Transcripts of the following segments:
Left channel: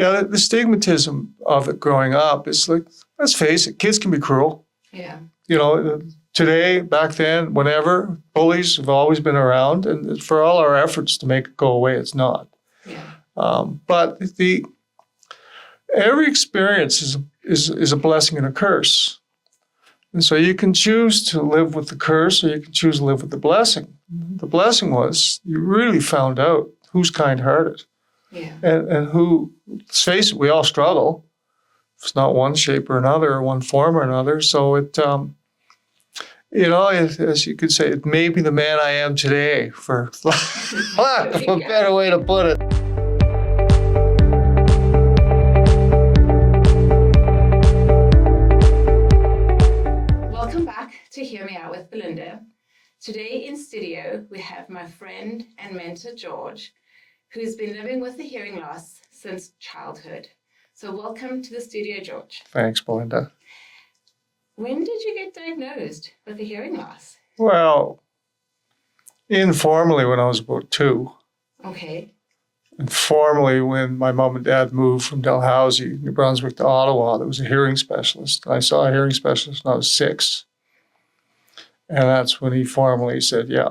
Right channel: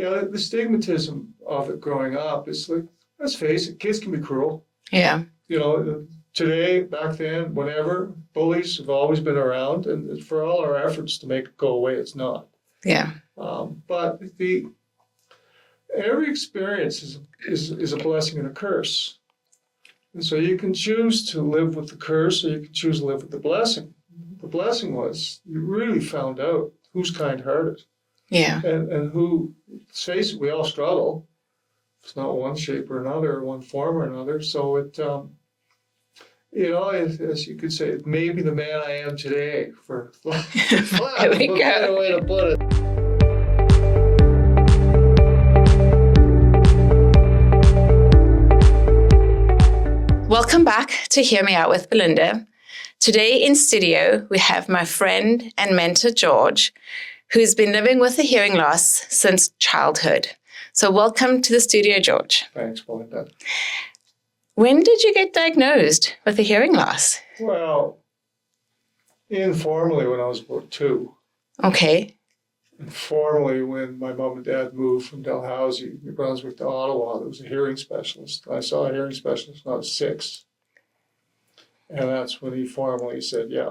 Yeah, the stigmatism of it growing up is like, let's face it, kids can be cruel. Yeah. You know, today, back then, whenever, bullies have always been around, and for all our efforts to make it go away, it's not. Yeah. But every experience is a blessing and a curse. And so you can choose to live with the curse, or you can choose to live with the blessing. The blessing was you really found out who's kind-hearted. Yeah. And who, let's face it, we all struggle. It's not one shape or another, or one form or another. So it, as you could say, it may be the man I am today, for lack of a better way to put it. Welcome back to Hear Me Out with Belinda. Today in studio, we have my friend and mentor, George, who's been living with a hearing loss since childhood. So welcome to the studio, George. Thanks, Belinda. When did you get diagnosed with a hearing loss? Well, informally when I was about 2. Okay. And formally when my mom and dad moved from Dalhousie, New Brunswick to Ottawa, there was a hearing specialist. I saw a hearing specialist when I was 6. And that's when he formally said, yeah,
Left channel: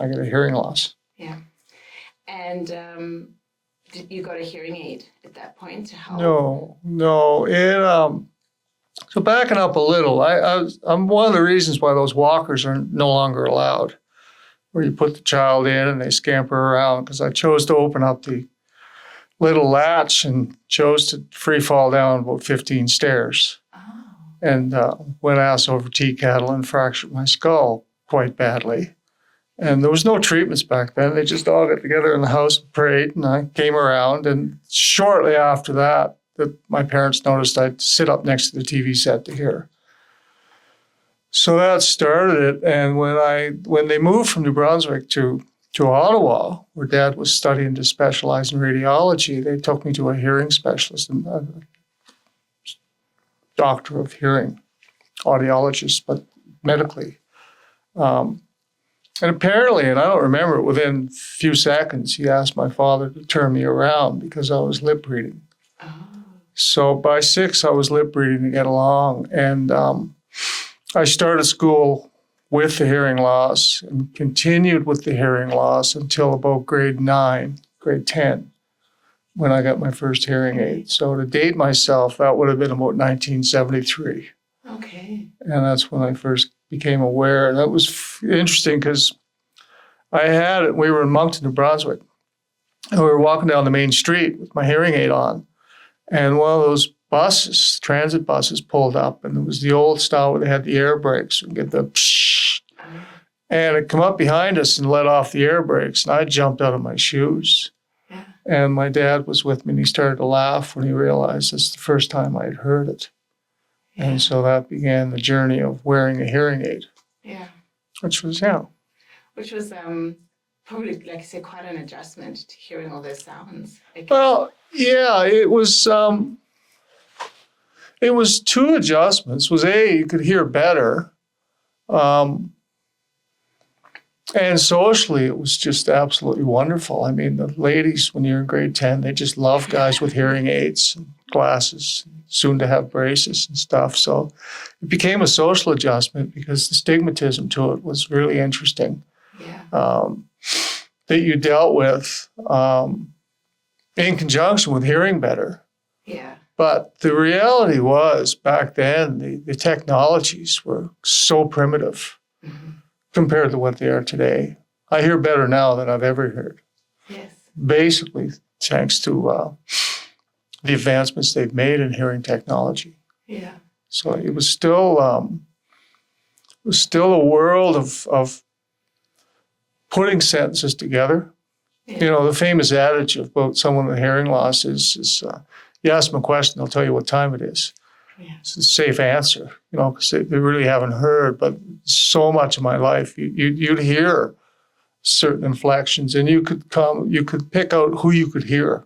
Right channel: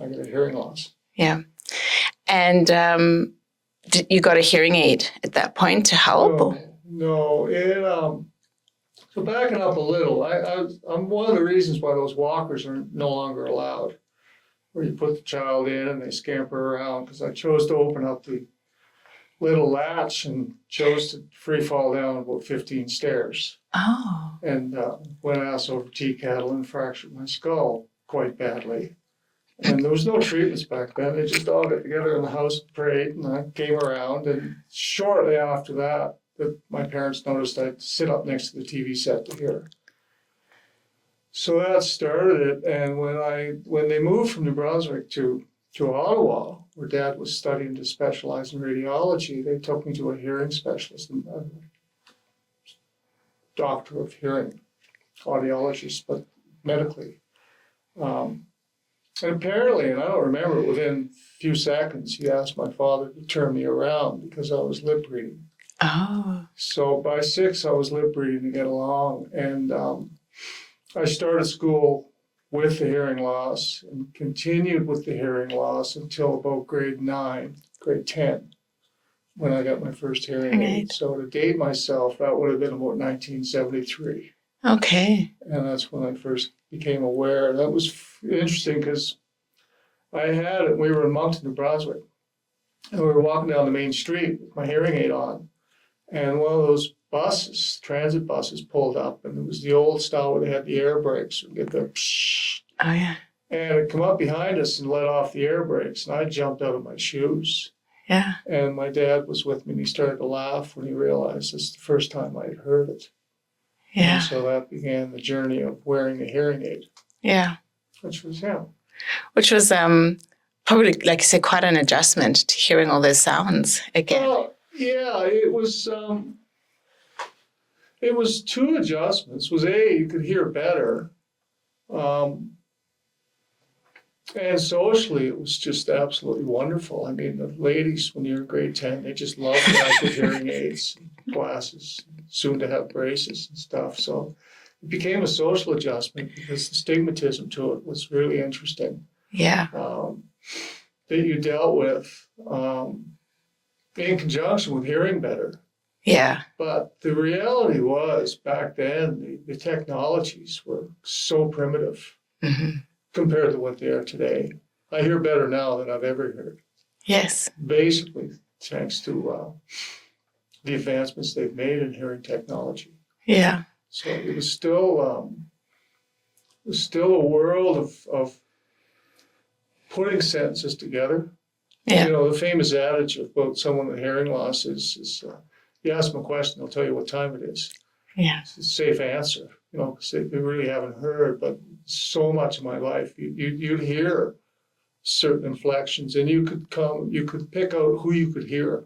I got a hearing loss. Yeah. And you got a hearing aid at that point to help? No. So backing up a little, I'm one of the reasons why those walkers are no longer allowed, where you put the child in and they scamper around, because I chose to open up the little latch and chose to free fall down about 15 stairs. Oh. And went ass over tea kettle and fractured my skull quite badly. And there was no treatments back then. They just all got together in the house and prayed, and I came around. And shortly after that, my parents noticed I'd sit up next to the TV set to hear. So that started it. And when they moved from New Brunswick to Ottawa, where Dad was studying to specialize in radiology, they took me to a hearing specialist, and a doctor of hearing, audiologist, but medically. And apparently, and I don't remember, within a few seconds, he asked my father to turn me around because I was lip reading. Oh. So by 6, I was lip reading to get along. And I started school with the hearing loss and continued with the hearing loss until about grade 10, when I got my first hearing aid. So to date myself, that would have been about 1973. Okay. And that's when I first became aware. That was interesting because we were in Moncton, New Brunswick, and we were walking down the main street with my hearing aid on, and one of those buses, transit buses, pulled up, and it was the old style where they had the air brakes and get the pshh. Oh, yeah. And it come up behind us and let off the air brakes, and I jumped out of my shoes. Yeah. And my dad was with me, and he started to laugh when he realized it's the first time I'd heard it. Yeah. And so that began the journey of wearing a hearing aid. Yeah. Which was probably, like you said, quite an adjustment to hearing all those sounds again. Well, yeah, it was 2 adjustments. Was A, you could hear better. And socially, it was just absolutely wonderful. I mean, the ladies, when you're in grade 10, they just love guys with hearing aids and glasses, soon to have braces and stuff. So it became a social adjustment because the stigmatism to it was really interesting. Yeah. That you dealt with in conjunction with hearing better. Yeah. But the reality was, back then, the technologies were so primitive compared to what they are today. I hear better now than I've ever heard. Yes. Basically, thanks to the advancements they've made in hearing technology. Yeah. So it was still a world of putting sentences together. Yeah. You know, the famous adage about someone with hearing loss is you ask them a question, they'll tell you what time it is. Yeah. It's a safe answer, you know, because they really haven't heard. But so much of my life, you'd hear certain inflections, and you could pick out who you could hear.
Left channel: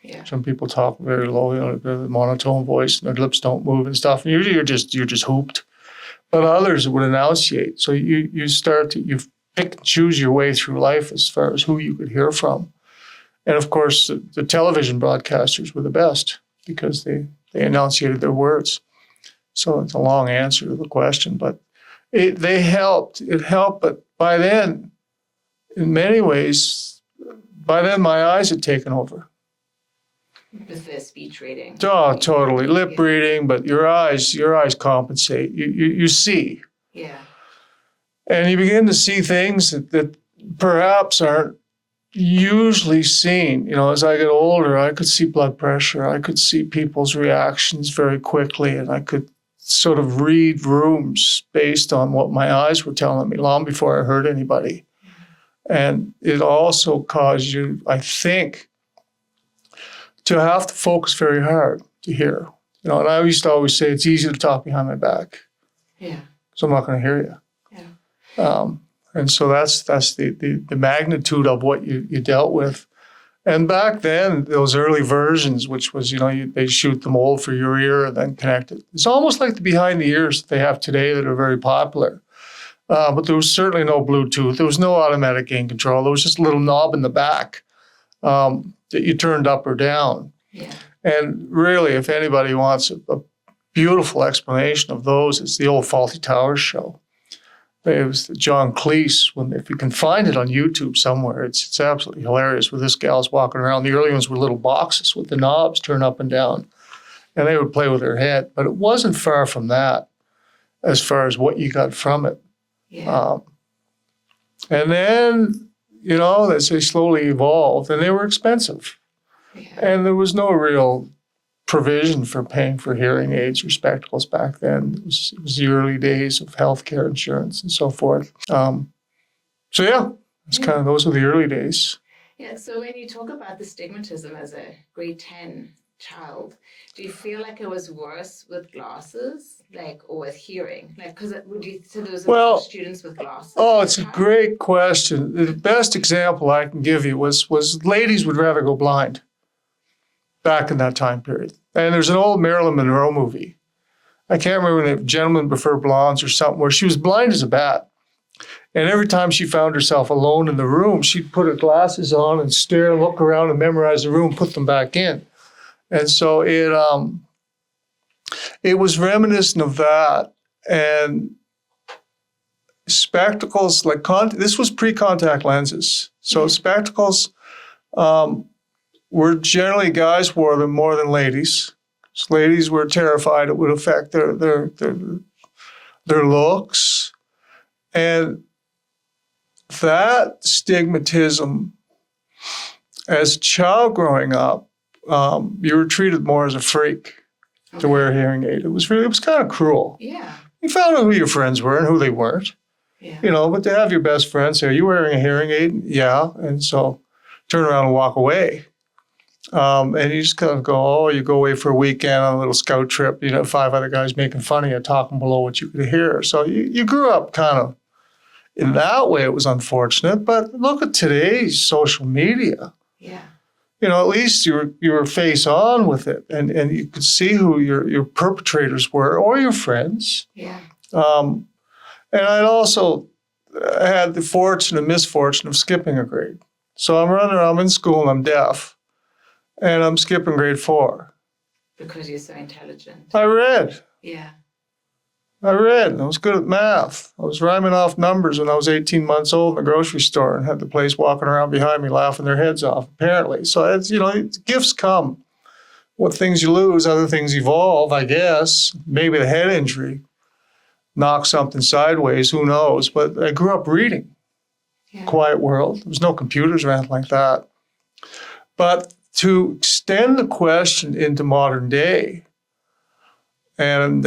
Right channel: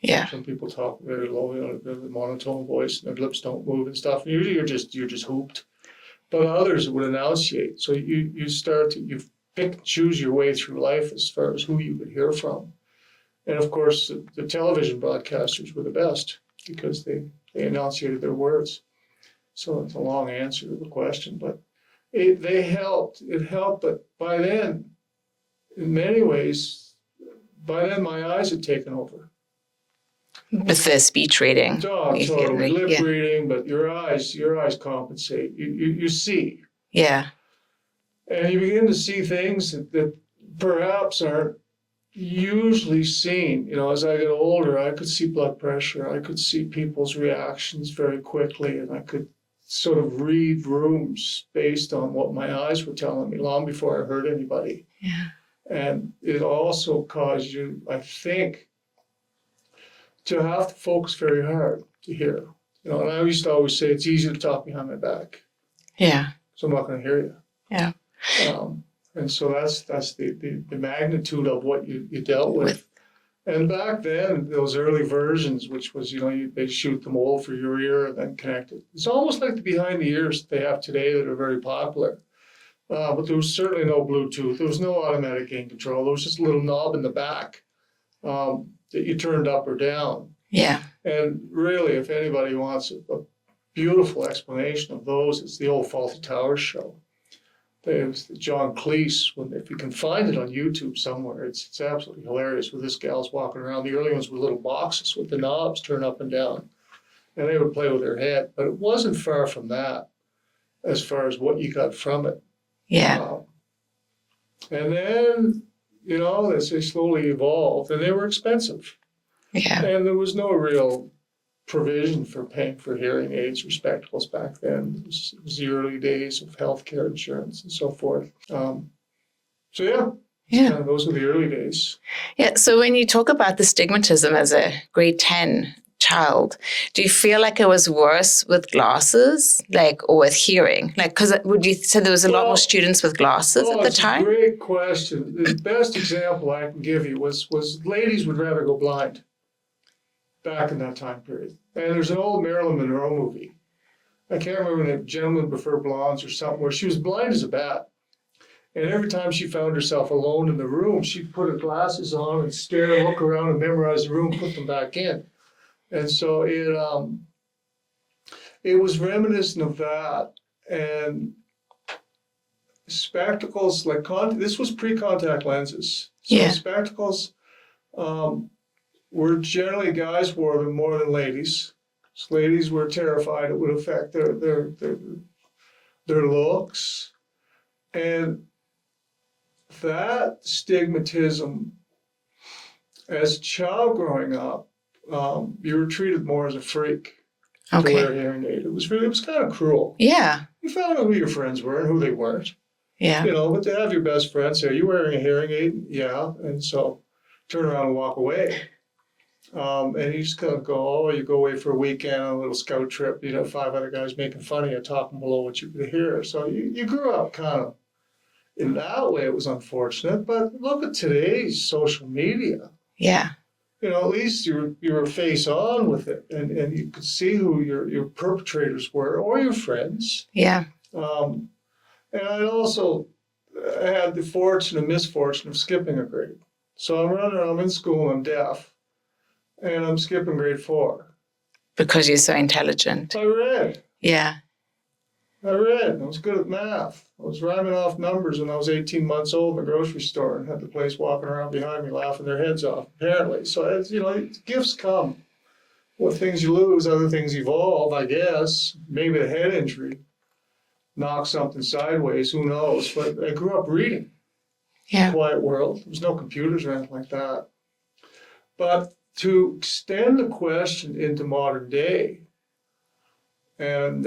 Yeah. Some people talk very low, you know, the monotone voice, and their lips don't move and stuff. And usually you're just hooped. But others would enunciate. So you pick and choose your way through life as far as who you could hear from. And of course, the television broadcasters were the best because they enunciated their words. So it's a long answer to the question, but they helped. It helped, but by then, in many ways, by then my eyes had taken over. With the speech reading. Oh, totally. Lip Yeah. reading, but your eyes compensate. You see. Yeah. And you begin to see things that perhaps aren't usually seen. You know, as I get older, I could see blood pressure. I could see people's reactions very quickly, and I could sort of read rooms based on what my eyes were telling me long before I heard anybody. Yeah. And it also caused you, I think, to have to focus very hard to hear. You know, and I used to always say it's easy to talk behind my back. Yeah. So I'm not going to hear you. Yeah. And so that's the magnitude of what you dealt with. And back then, those early versions, which was, you know, they shoot the mold for your ear and then connect it. It's almost like the behind the ears that they have today that are very popular. But there was certainly no Bluetooth. There was no automatic gain control. There was just a little knob in the back that you turned up or down. Yeah. And really, if anybody wants a beautiful explanation of those, it's the old Faulty Towers show. It was John Cleese. If you can find it on YouTube somewhere, it's absolutely hilarious where this gal's walking around. The early ones were little boxes with the knobs turned up and down, and they would play with their head. But it wasn't far from that as far as what you got from it. Yeah. And then, you know, as they slowly evolved, and they were expensive. Yeah. And there was no real provision for paying for hearing aids or spectacles back then. It was the early days of healthcare insurance and so forth. So yeah, it's kind of, those were the early days. Yeah. So when you talk about the stigmatism as a grade 10 child, do you feel like it was worse with glasses, like, or with hearing? Like, because would you say there was a lot more students with glasses at the It's time? a great question. The best example I can give you was ladies would rather go blind back in that time period. And there's an old Marilyn Monroe movie. I can't remember if Gentlemen Prefer Blondes or something, where she was blind as a bat. And every time she found herself alone in the room, she'd put her glasses on and stare, look around and memorize the room, put them back in. And so it was reminiscent of that. And spectacles, like this was pre-contact lenses. So spectacles, were generally, guys wore them more than ladies. So ladies were terrified it would affect their looks. And that stigmatism, as a child growing up, you were treated more as a freak to wear a hearing aid. It was kind of cruel. Yeah. You found out who your friends were and who they weren't. Yeah. You know, but to have your best friend say, "Are you wearing a hearing aid?" Yeah. And so turn around and walk away. And you just kind of go, you go away for a weekend on a little scout trip, you know, 5 other guys making fun of you, talking below what you could hear. So you grew up kind of, in that way, it was unfortunate. But look at today's social media. Yeah. You know, at least you were face on with it, and you could see who your perpetrators were or your friends. Yeah. And I had the fortune and misfortune of skipping a grade. So I'm in school and I'm deaf. And I'm skipping grade 4. Because you're so intelligent. I read. Yeah. I was good at math. I was rhyming off numbers when I was 18 months old in the grocery store and had the place walking around behind me laughing their heads off, apparently. So, it's, you know, gifts come. What things you lose, other things evolve, I guess. Maybe the head injury knocked something sideways, who knows. But I grew up reading. Yeah. Quiet world. There was no computers or anything like that. But to extend the question into modern day, and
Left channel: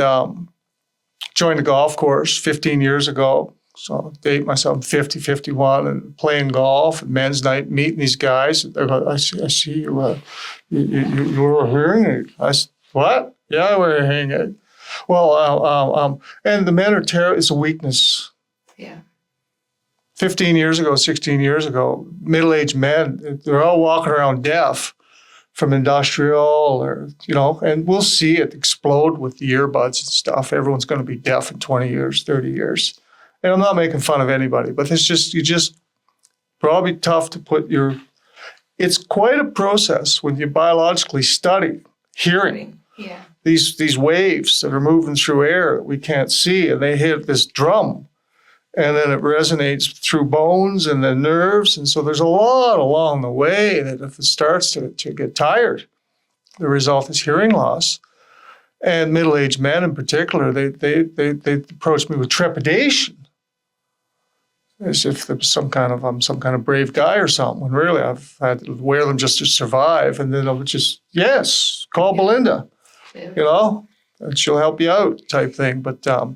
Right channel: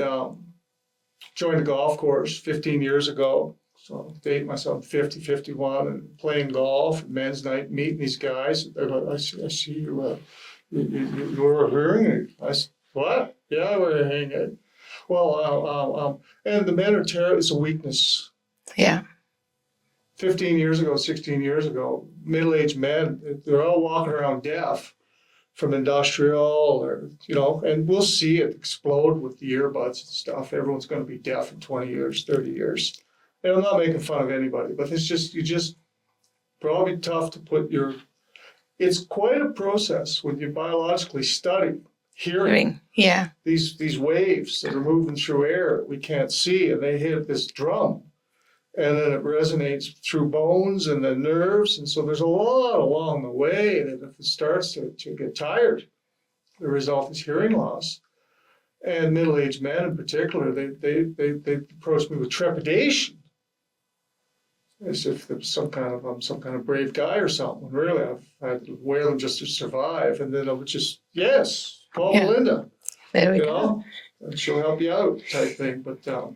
joined a golf course 15 years ago. So date myself 50, 51, and playing golf at men's night, meeting these guys. I see you wear a hearing aid. I said, what? Yeah, I wear a hearing aid. Well, and the men are it's a weakness. Yeah. 15 years ago, 16 years ago, middle-aged men, they're all walking around deaf from industrial or, you know, and we'll see it explode with the earbuds and stuff. Everyone's going to be deaf in 20 years, 30 years. And I'm not making fun of anybody, but it's just probably tough to put your it's quite a process when you biologically study hearing. Yeah. These waves that are moving through air that we can't see, and they hit this drum, and then it resonates through bones and the nerves. And so there's a lot along the way that if it starts to get tired, the result is hearing loss. And middle-aged men in particular, they approach me with trepidation, as if there was I'm some kind of brave guy or something. When really I've had to wear them just to survive. And then I would just, yes, call Belinda, There we go. and she'll help you out type thing. But the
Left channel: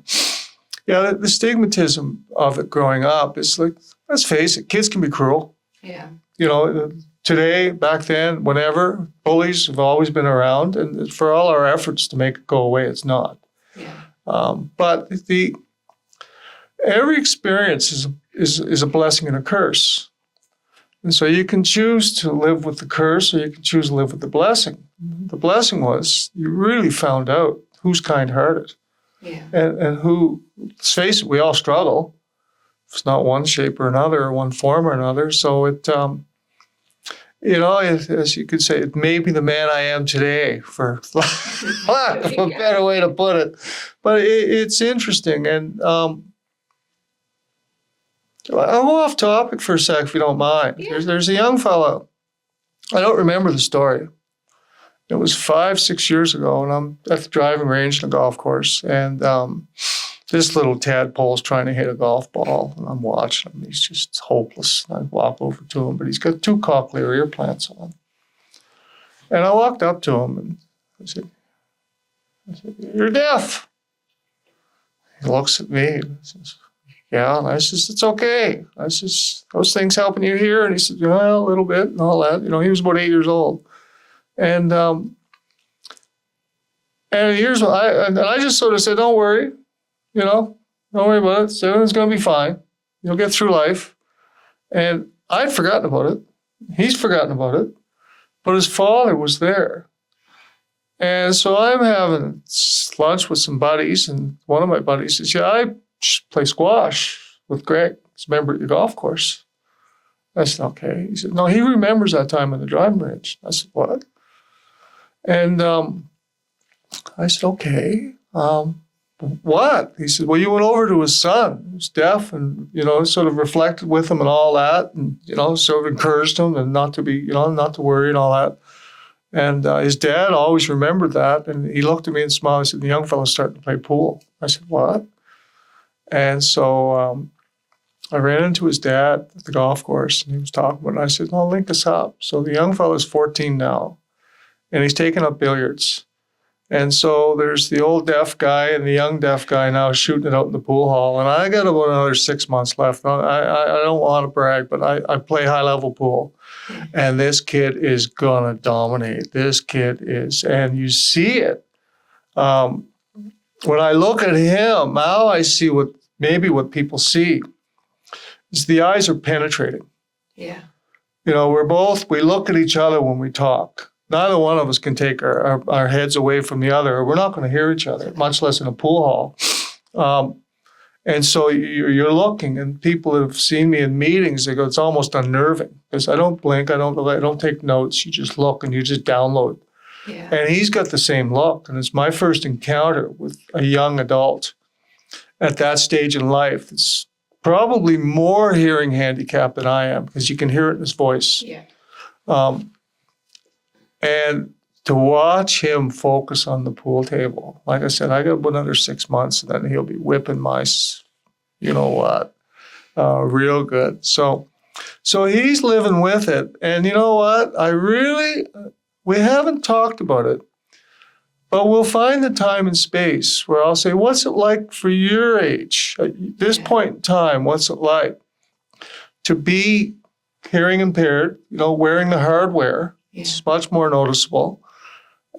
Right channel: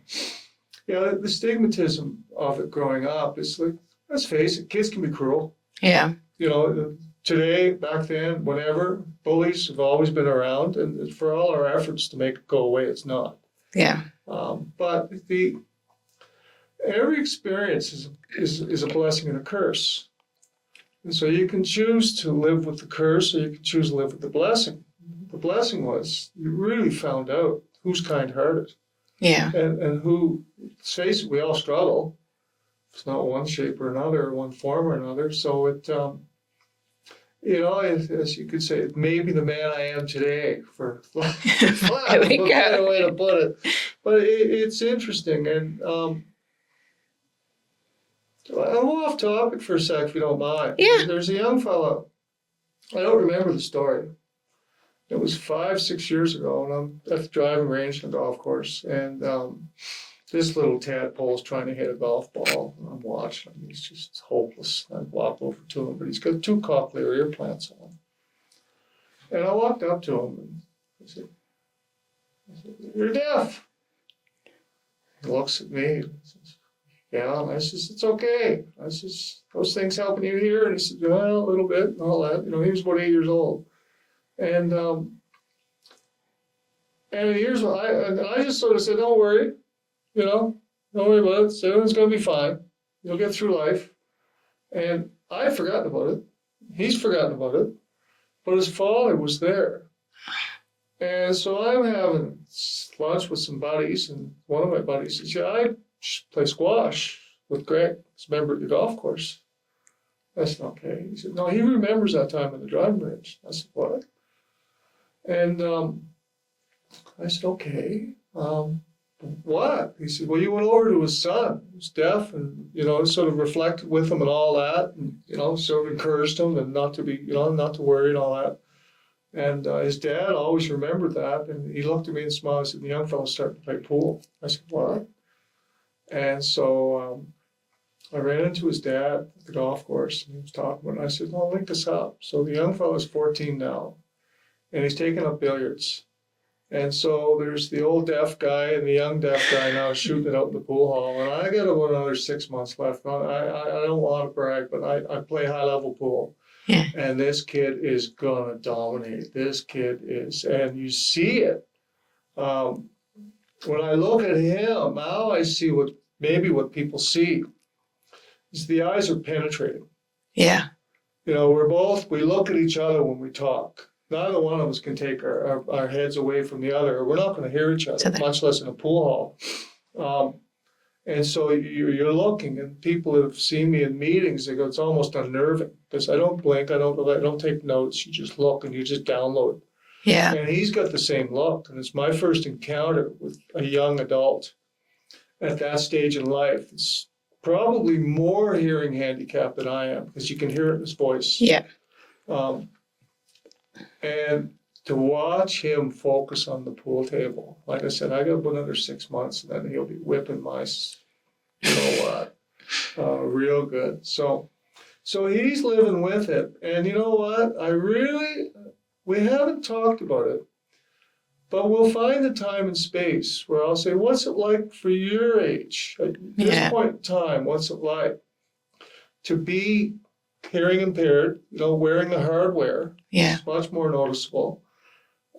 stigmatism of it growing up is like, let's face it, kids can be cruel. Yeah. Today, back then, whenever, bullies have always been around, and for all our efforts to make it go away, it's not. Yeah. But every experience is a blessing and a curse. And so you can choose to live with the curse, or you can choose to live with the blessing. The blessing was you really found out who's kind-hearted. Yeah. And who, let's face it, we all struggle. It's not one shape or another, or one form or another. So it, as you could say, it may be the man I am today, for lack of a better way to put it. But it's interesting. And I'm off topic for a sec, if you don't mind. Yeah. There's a young fellow. I don't remember the story. It was 5-6 years ago, and I'm at the driving range on a golf course, and this little tadpole's trying to hit a golf ball, and I'm watching him. He's just hopeless. I walk over to him, but he's got 2 cochlear ear plants on. And I walked up to him, and I said, "You're deaf." He looks at me and says, "Yeah." And I says, "It's okay." I says, "Those things helping you hear?" And he said, "Well, a little bit," and all that. He was about 8 years old. And here's what I just sort of said, "Don't worry, don't worry about it. Everything's going to be fine. You'll get through life." And I'd forgotten about it. He's forgotten about it. But his father was there. And so I'm having lunch with some buddies, and one of my buddies says, "Yeah, I play squash with Greg. He's a member at your golf course." I said, "Okay." He said, "No, he remembers that time on the driving range." I said, "What?" And I said, "Okay. What?" He said, "Well, you went over to his son, who's deaf, and, sort of reflected with him and all that, and, sort of encouraged him and not to be, not to worry and all that. And his dad always remembered that." And he looked at me and smiled. He said, "The young fellow's starting to play pool." I said, "What?" And so I ran into his dad at the golf course, and he was talking about it. And I said, "I'll link us up." So the young fellow's 14 now, and he's taking up billiards. And so there's the old deaf guy and the young deaf guy now shooting it out in the pool hall. And I got about another 6 months left. I don't want to brag, but I play high-level pool. Yeah. And this kid is going to dominate. This kid is. And you see it. When I look at him, now I see what people see. Is the eyes are penetrating. Yeah. We look at each other when we talk. Neither one of us can take our heads away from the other, or we're not going to hear each other, much less in a pool hall. And so you're looking, and people have seen me in meetings. They go, "It's almost unnerving," because I don't blink, I don't take notes. You just look and you just download. Yeah. And he's got the same look, and it's my first encounter with a young adult at that stage in life. It's probably more hearing handicapped than I am, because you can hear it in his voice. Yeah. And to watch him focus on the pool table, like I said, I got another 6 months, and then he'll be whipping my, real good. So he's living with it. And you know what? We haven't talked about it, but we'll find the time and space where I'll say, "What's it like for your age? At this point in time, what's it like to be hearing impaired, wearing the hardware?" Yeah. It's much more noticeable.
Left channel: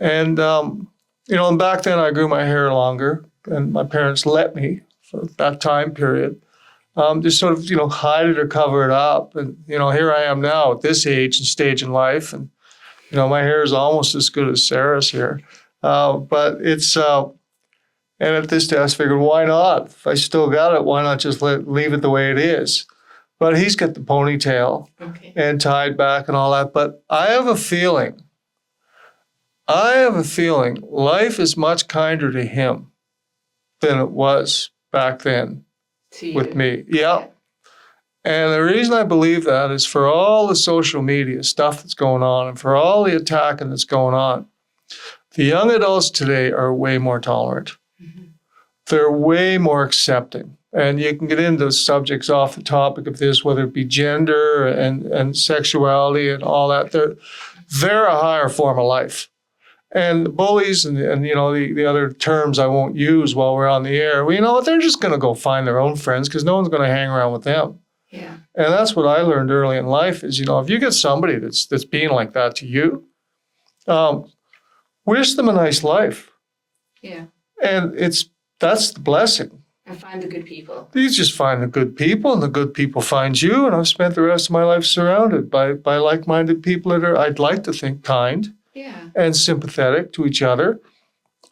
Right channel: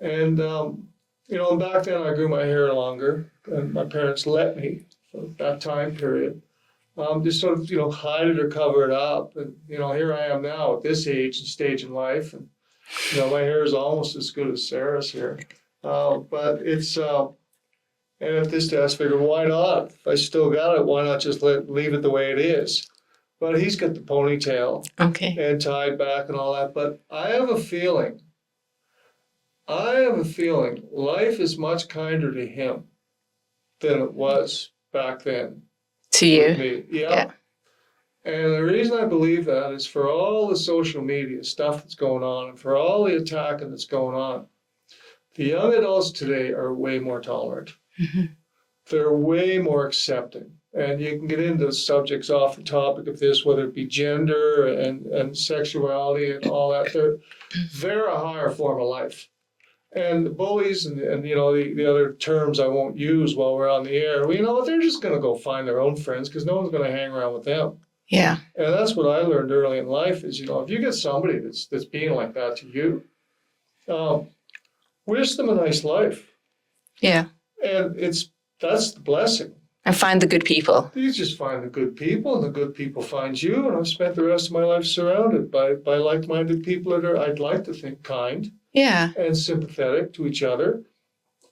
And, and back then I grew my hair longer, and my parents let me for that time period. Just sort of, hide it or cover it up. And, here I am now at this age and stage in life. And, my hair is almost as good as Sarah's here. But it's, and at this day I figured, why not? If I still got it, why not just leave it the way it is? but he's got the ponytail Okay. and tied back and all that. But I have a feeling life is much kinder to him than it was back then To you. with me. Yeah. And the reason I believe that is for all the social media stuff that's going on and for all the attacking that's going on, the young adults today are way more tolerant. Mm-hmm. They're way more accepting. And you can get into subjects off the topic of this, whether it be gender and sexuality and all that. They're a higher form of life. And the bullies and you know, the other terms I won't use while we're on the air, well, you know what, they're just going to go find their own friends because no one's going to hang around with them. Yeah. And that's what I learned early in life is, you know, if you get somebody that's being like that to you, wish them a nice life. Yeah. And that's the blessing. And find the good people. You just find the good people, and the good people find you. And I've spent the rest of my life surrounded by like-minded people that are, I'd like to think, kind. Yeah. And sympathetic to each other.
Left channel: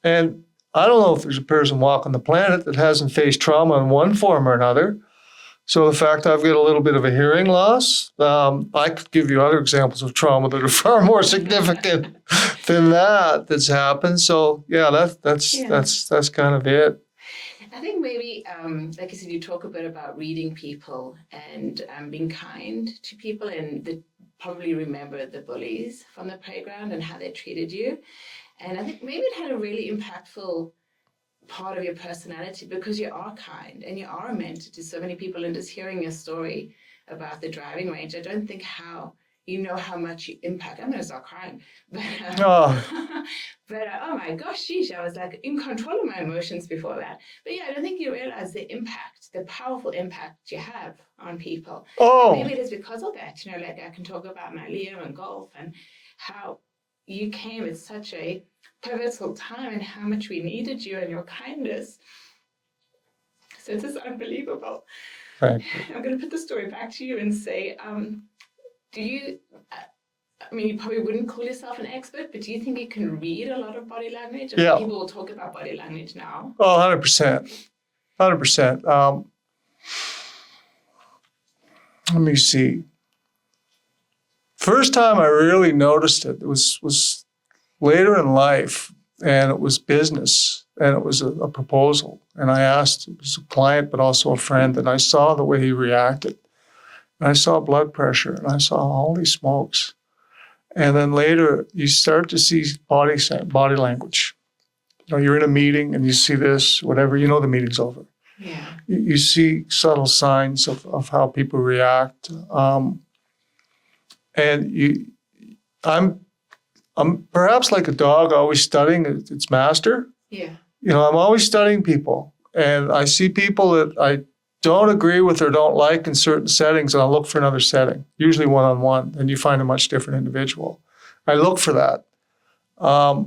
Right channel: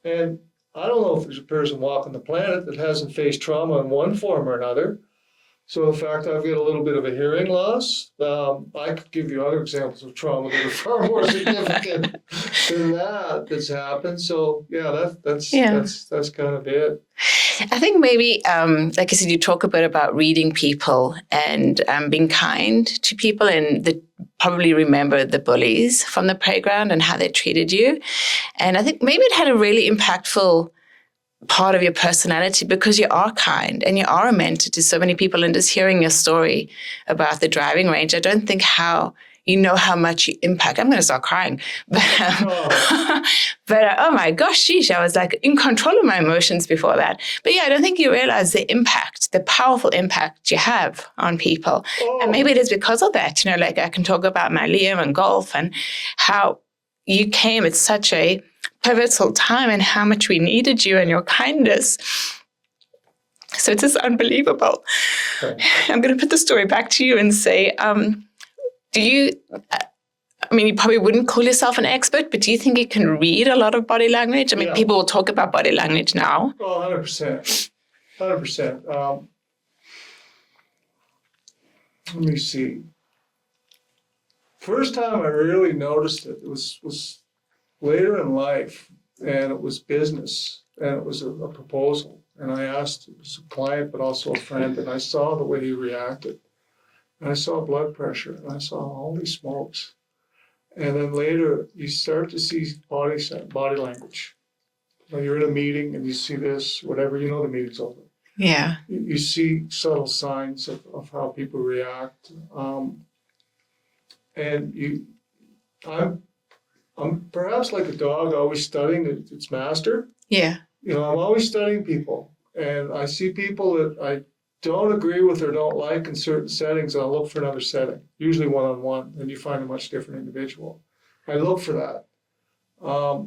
And I don't know if there's a person walking the planet that hasn't faced trauma in one form or another. So the fact I've got a little bit of a hearing loss, I could give you other examples of trauma that are far more significant than that's happened. So yeah, that's kind of it. I think maybe, like I said, you talk a bit about reading people and being kind to people, and probably remember the bullies from the playground and how they treated you. And I think maybe it had a really impactful part of your personality because you are kind and you are a mentor to so many people. And just hearing your story about the driving range, I don't think how much you impact. I'm going to start crying. But, oh my gosh, sheesh, I was like in control of my emotions before that. But yeah, I don't think you realize the powerful impact you have on people. Oh. And maybe it is because of that. You know, like I can talk about my Liam and golf and how you came at such a pivotal time and how much we needed you and your kindness. So it's just unbelievable. Right. I'm going to put the story back to you and say, do you, I mean, you probably wouldn't call yourself an expert, but do you think you can read a lot of body language? I mean, people will talk about body language now. Oh, 100%. 100%. Let me see. First time I really noticed it was later in life, and it was business, and it was a proposal. And I asked, it was a client, but also a friend, and I saw the way he reacted. And I saw blood pressure, and I saw, holy smokes. And then later, you start to see body language. You know, you're in a meeting, and you see this, whatever, you know the meeting's over. Yeah. You see subtle signs of how people react. And I'm perhaps like a dog always studying its master. Yeah. You know, I'm always studying people. And I see people that I don't agree with or don't like in certain settings, and I'll look for another setting, usually one-on-one, and you find a much different individual. I look for that. I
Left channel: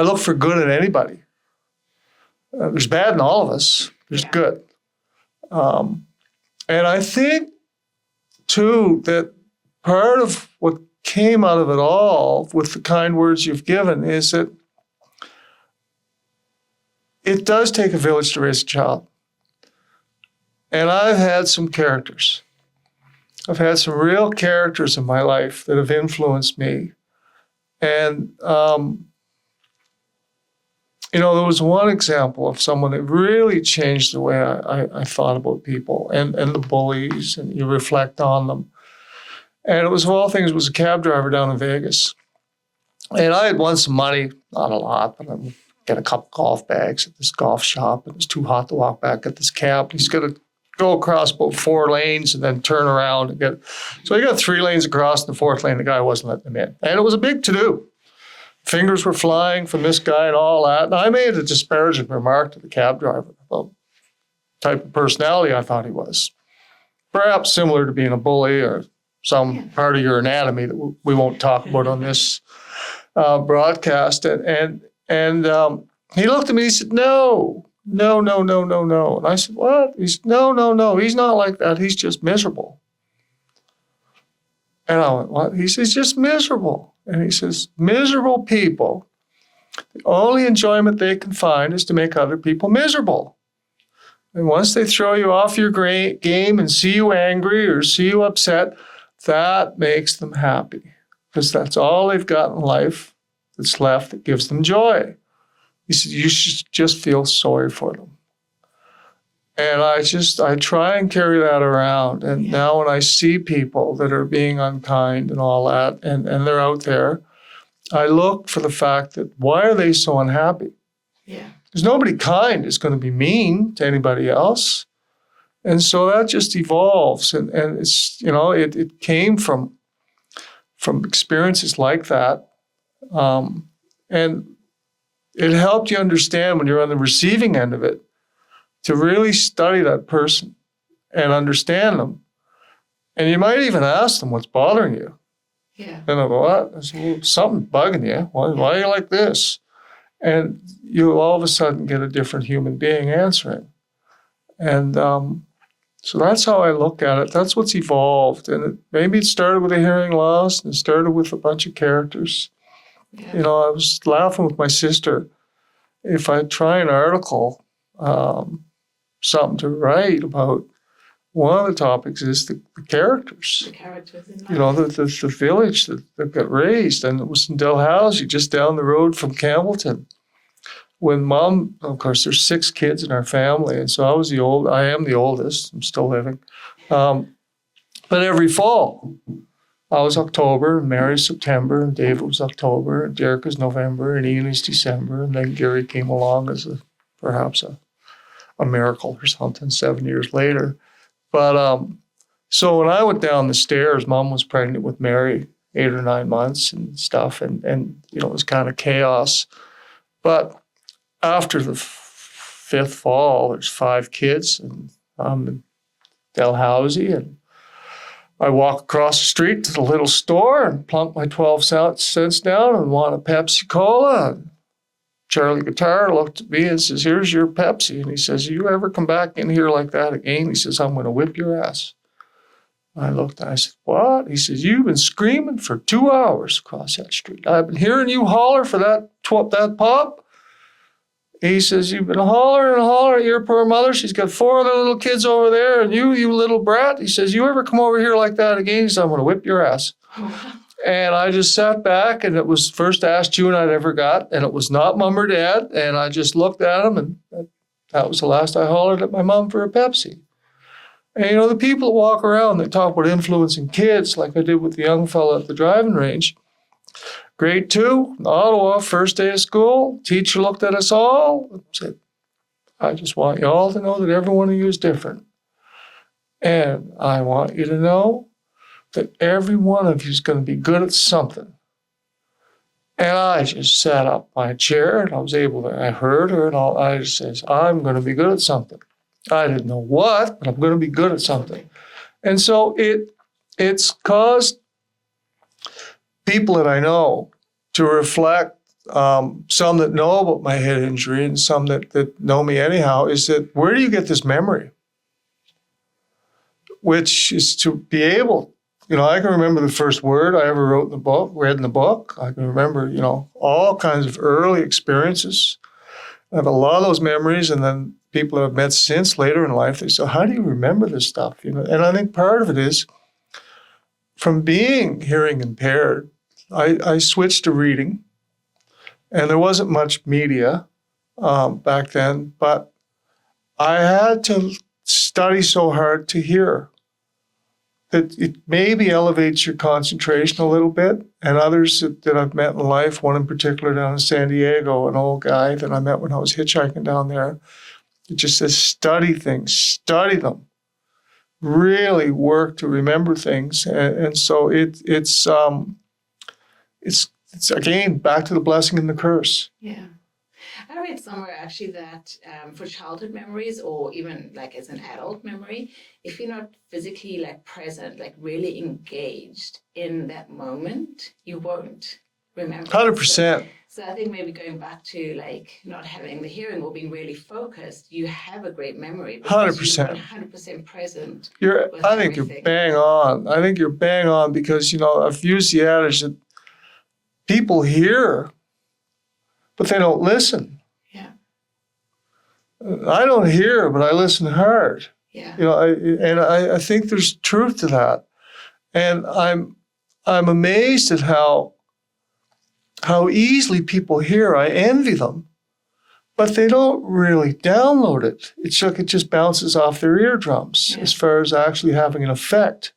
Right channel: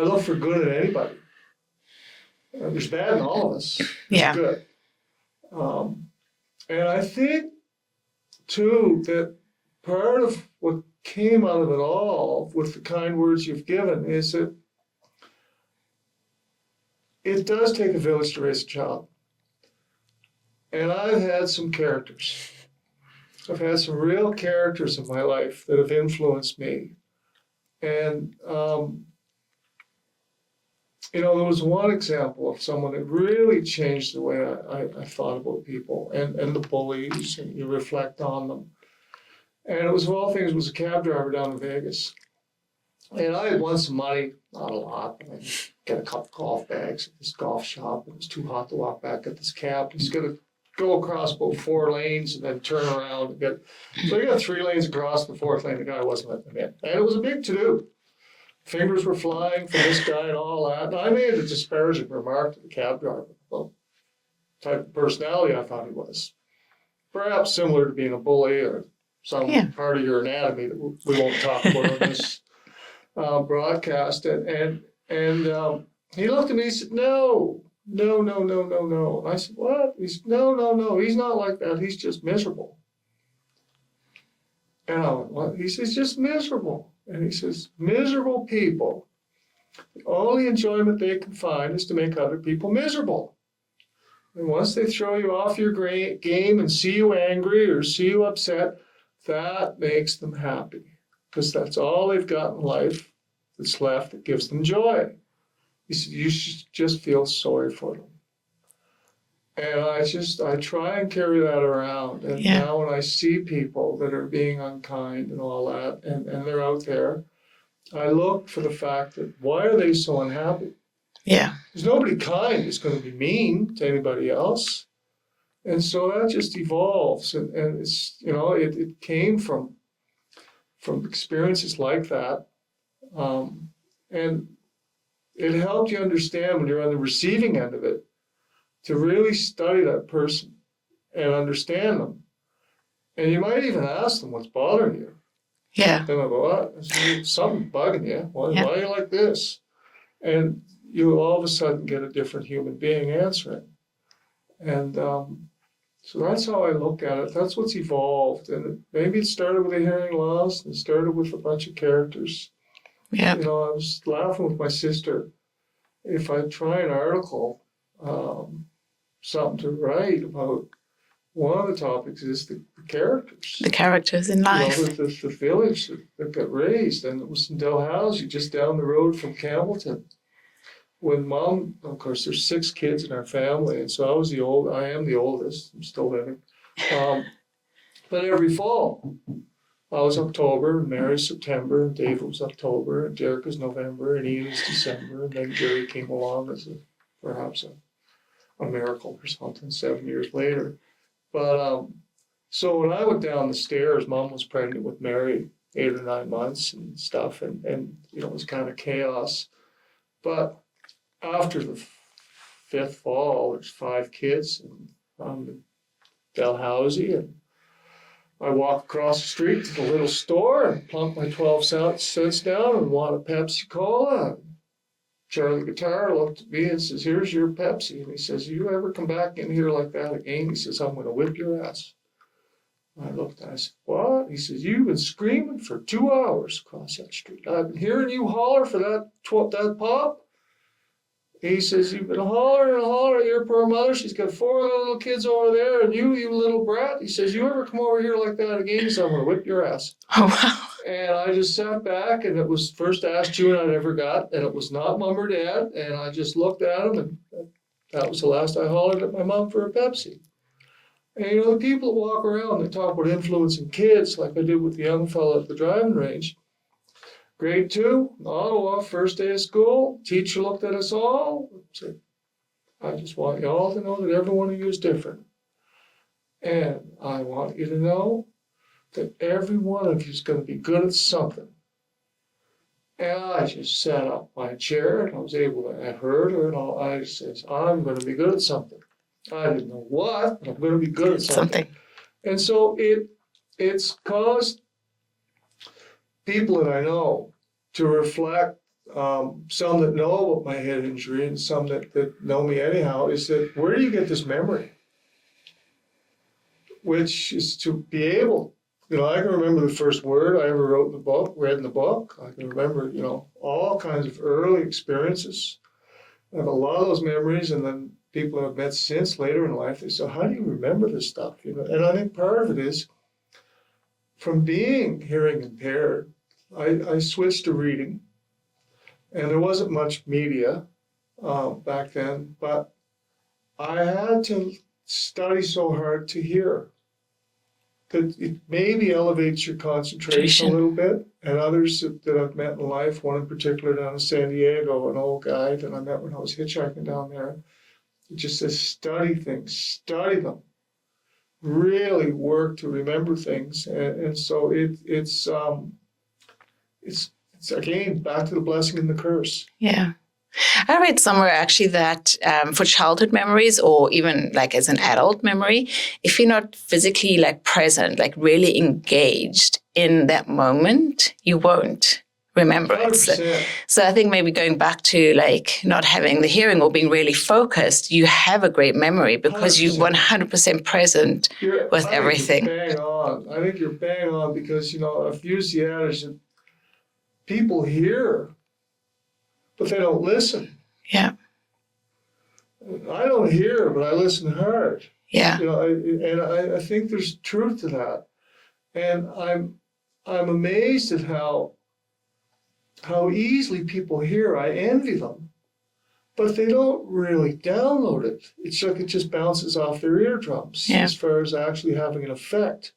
look for good in anybody. There's bad in all of us. There's good. And I think, too, that part of what came out of it all with the kind words you've given is that it does take a village to raise a child. And I've had some characters. I've had some real characters in my life that have influenced me. And, you know, there was one example of someone that really changed the way I thought about people and the bullies, and you reflect on them. And it was, of all things, it was a cab driver down in Vegas. And I had won some money, not a lot, but I would get a couple golf bags at this golf shop. It was too hot to walk back at this cab. He's going to go across about 4 lanes and then turn around and get. So I got 3 lanes across, and the 4th lane, the guy wasn't letting him in. And it was a big to-do. Fingers were flying from this guy and all that. And I made a disparaging remark to the cab driver about the type of personality I thought he was. Perhaps similar to being a bully or some part of your anatomy that we won't talk about on this broadcast. And he looked at me and he said, no. And I said, what? He said, no. He's not like that. He's just miserable. And I went, what? He says, just miserable. And he says, miserable people, the only enjoyment they can find is to make other people miserable. And once they throw you off your game and see you angry or see you upset, that makes them happy because that's all they've got in life that's left that gives them joy. He said, you should just feel sorry for them. And I try and carry that around. And now when I see people that are being unkind and all that, and they're out there, I look for the fact that why are they so unhappy? Yeah. There's nobody kind is going to be mean to anybody else. And so that just evolves. And it's, it came from experiences like that. And it helped you understand when you're on the receiving end of it to really study that person and understand them. And you might even ask them what's bothering you. Yeah. Then I'll go, what? Something bugging you. Why are you like this? And you all of a sudden get a different human being answering. And so that's how I look at it. That's what's evolved. And maybe it started with a hearing loss and it started with a bunch of characters. Yeah. I was laughing with my sister. If I try an article, something to write about, one of the topics is the characters. The characters in life. The village that got raised. And it was in Dalhousie, just down the road from Campbellton. When Mom, of course, there's 6 kids in our family, and so I am the oldest. I'm still living. But every fall, I was October, and Mary's September, and David was October, and Derek was November, and Ian's December, and then Gary came along as perhaps a miracle or something 7 years later. But so when I went down the stairs, Mom was pregnant with Mary, 8 or 9 months and stuff, and it was kind of chaos. But after the 5th fall, there's 5 kids, and I'm in Dalhousie, and I walk across the street to the little store and plunk my 12 cents down and want a Pepsi Cola. And Charlie Guitar looked at me and says, here's your Pepsi. And he says, you ever come back in here like that again? He says, I'm going to whip your ass. I looked and I said, what? He says, you've been screaming for 2 hours across that street. I've been hearing you holler for that pop. He says, you've been hollering and hollering at your poor mother. She's got 4 other little kids over there, and you little brat. He says, you ever come over here like that again? He says, I'm going to whip your ass. Oh, wow. And I just sat back, and it was the first ass chewing I'd ever got, and it was not Mom or Dad. And I just looked at him, and that was the last I hollered at my mom for a Pepsi. And, the people that walk around, they talk about influencing kids, like I did with the young fella at the driving range. Grade 2, Ottawa, first day of school. Teacher looked at us all and said, I just want you all to know that every one of you is different. And I want you to know that every one of you is going to be good at something. And I just sat up my chair and I heard her and all. I just said, I'm going to be good at something. I didn't know what, but I'm going to be good at something. And so it's caused people that I know to reflect, some that know about my head injury and some that know me anyhow, is that where do you get this memory? Which is to be able, I can remember the first word I ever read in the book. I can remember, all kinds of early experiences. I have a lot of those memories, and then people I've met since later in life, they say, how do you remember this stuff? And I think part of it is from being hearing impaired, I switched to reading, and there wasn't much media back then, but I had to study so hard to hear that it maybe elevates your concentration a little bit. And others that I've met in life, one in particular down in San Diego, an old guy that I met when I was hitchhiking down there, it just says, study things, study them. Really work to remember things. And so it's again, back to the blessing and the curse. Yeah. I read somewhere actually that for childhood memories, or even like as an adult memory, if you're not physically present, really engaged in that moment, you won't remember 100%. So I think maybe going back to not having the hearing or being really focused, you have a great memory because 100%. You're 100% present with everything. I think you're bang on because, I've used the adage that people hear, but they don't listen. Yeah. I don't hear, but I listen hard. Yeah. You know, I think there's truth to that. And I'm amazed at how easily people hear. I envy them, but they don't really download it. It's like it just bounces off their eardrums as far as actually having an effect.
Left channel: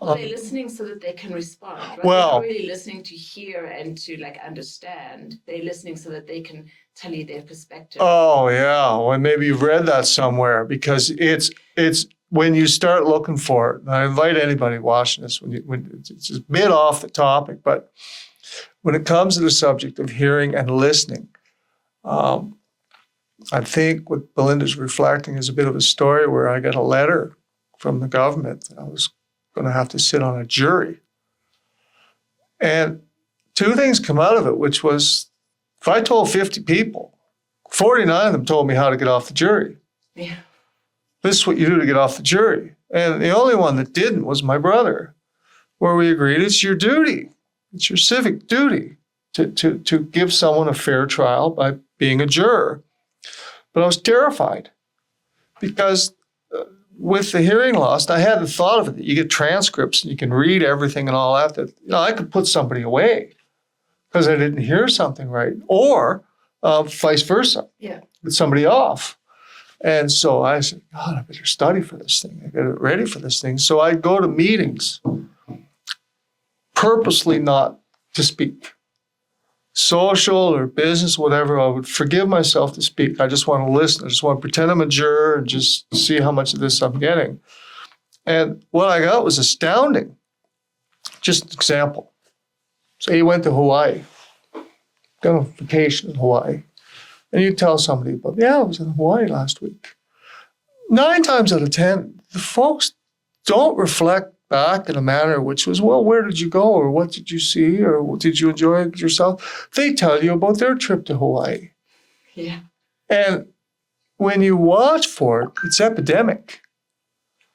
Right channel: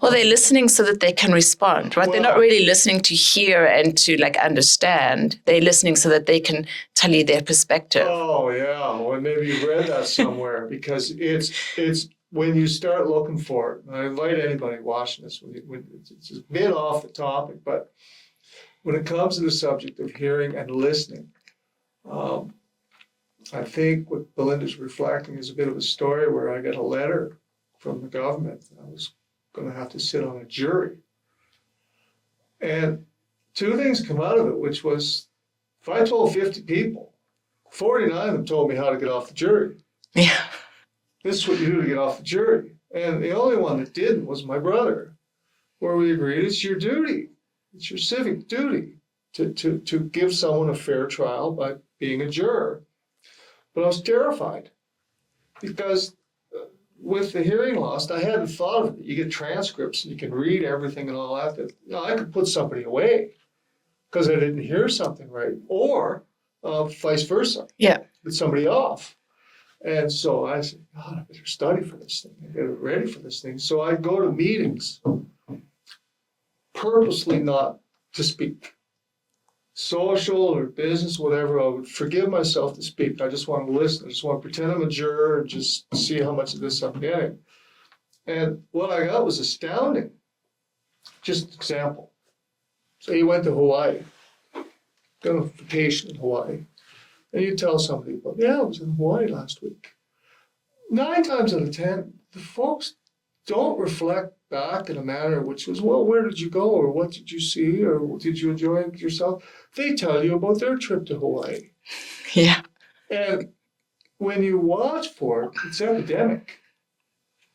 Well, they're listening so that they can respond, right? They're not really listening to hear and to like understand. They're listening so that they can tell you their perspective. Oh, yeah. Well, maybe you've read that somewhere because it's when you start looking for it. And I invite anybody watching this when it's a bit off the topic, but when it comes to the subject of hearing and listening, I think what Belinda's reflecting is a bit of a story where I got a letter from the government that I was going to have to sit on a jury. And two things come out of it, which was if I told 50 people, 49 of them told me how to get off the jury. Yeah. This is what you do to get off the jury. And the only one that didn't was my brother, where we agreed it's your duty. It's your civic duty to give someone a fair trial by being a juror. But I was terrified because with the hearing loss, I hadn't thought of it. You get transcripts and you can read everything and all that. I could put somebody away because I didn't hear something right, or vice versa. Yeah. Put somebody off. And so I said, God, I better study for this thing. I get it ready for this thing. So I go to meetings purposely not to speak. Social or business, whatever, I would forgive myself to speak. I just want to listen. I just want to pretend I'm a juror and just see how much of this I'm getting. And what I got was astounding. Just an example. Say you went to Hawaii, got on vacation in Hawaii, and you tell somebody about, yeah, I was in Hawaii last week. 9 times out of 10, the folks don't reflect back in a manner which was, well, where did you go? Or what did you see? Or did you enjoy it yourself? They tell you about their trip to Hawaii. Yeah. And when you watch for it, it's epidemic.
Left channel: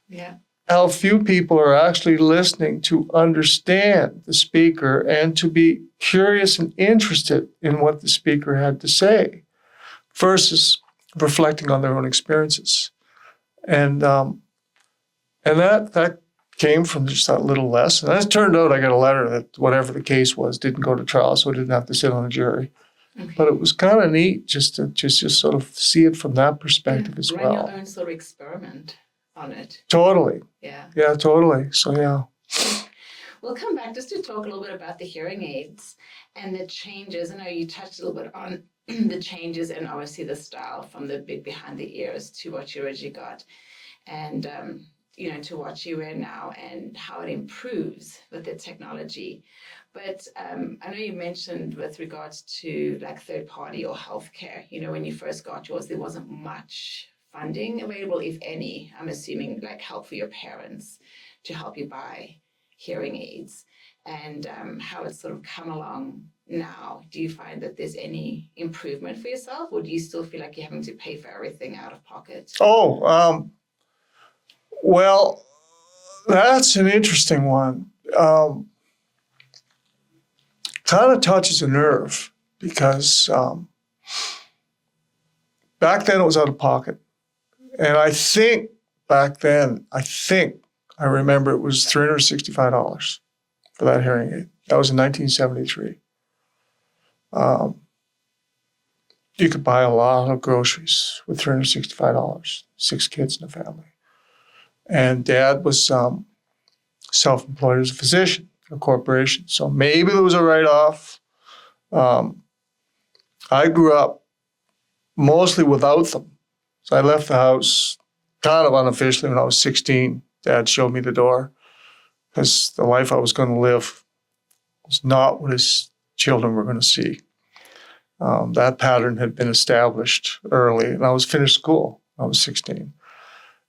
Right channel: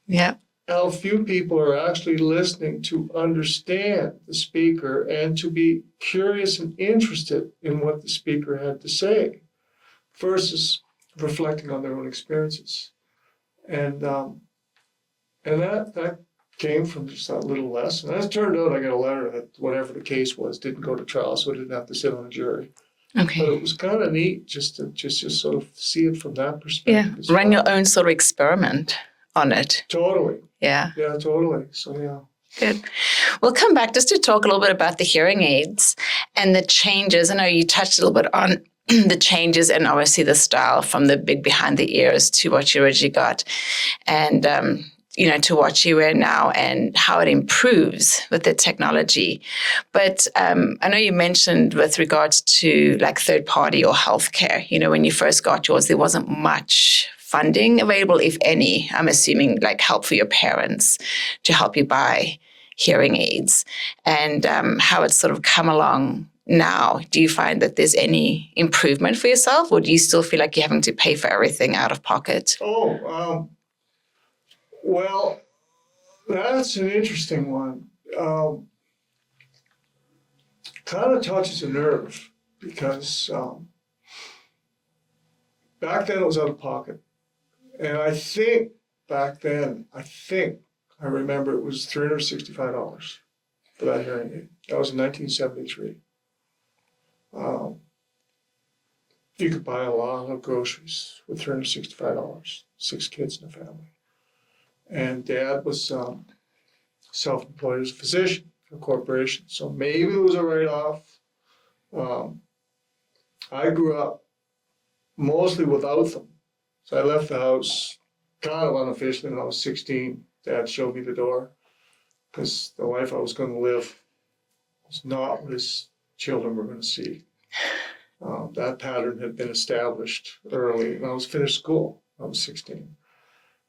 Yeah. How few people are actually listening to understand the speaker and to be curious and interested in what the speaker had to say versus reflecting on their own experiences. And that came from just that little lesson. As it turned out, I got a letter that whatever the case was didn't go to trial, so I didn't have to sit on a jury. Okay. But it was kind of neat just to sort of see it from that perspective as well. Run your own sort of experiment on it. Totally. Yeah. Yeah, totally. So, yeah. Good. We'll come back just to talk a little bit about the hearing aids and the changes. I know you touched a little bit on the changes and obviously the style from the big behind the ears to what you originally got. And, to what you wear now and how it improves with the technology. But I know you mentioned with regards to like third party or healthcare, when you first got yours, there wasn't much funding available, if any. I'm assuming like help for your parents to help you buy hearing aids, and how it's sort of come along now. Do you find that there's any improvement for yourself, or do you still feel like you're having to pay for everything out of pocket? Well, that's an interesting one. Kind of touches a nerve because back then it was out of pocket. And I think back then, I remember it was $365 for that hearing aid. That was in 1973. You could buy a lot of groceries with $365, 6 kids in the family. And Dad was self-employed as a physician in a corporation. So maybe there was a write-off. I grew up mostly without them. So I left the house kind of unofficially when I was 16. Dad showed me the door because the life I was going to live was not what his children were going to see. That pattern had been established early, and I was finished school. I was 16.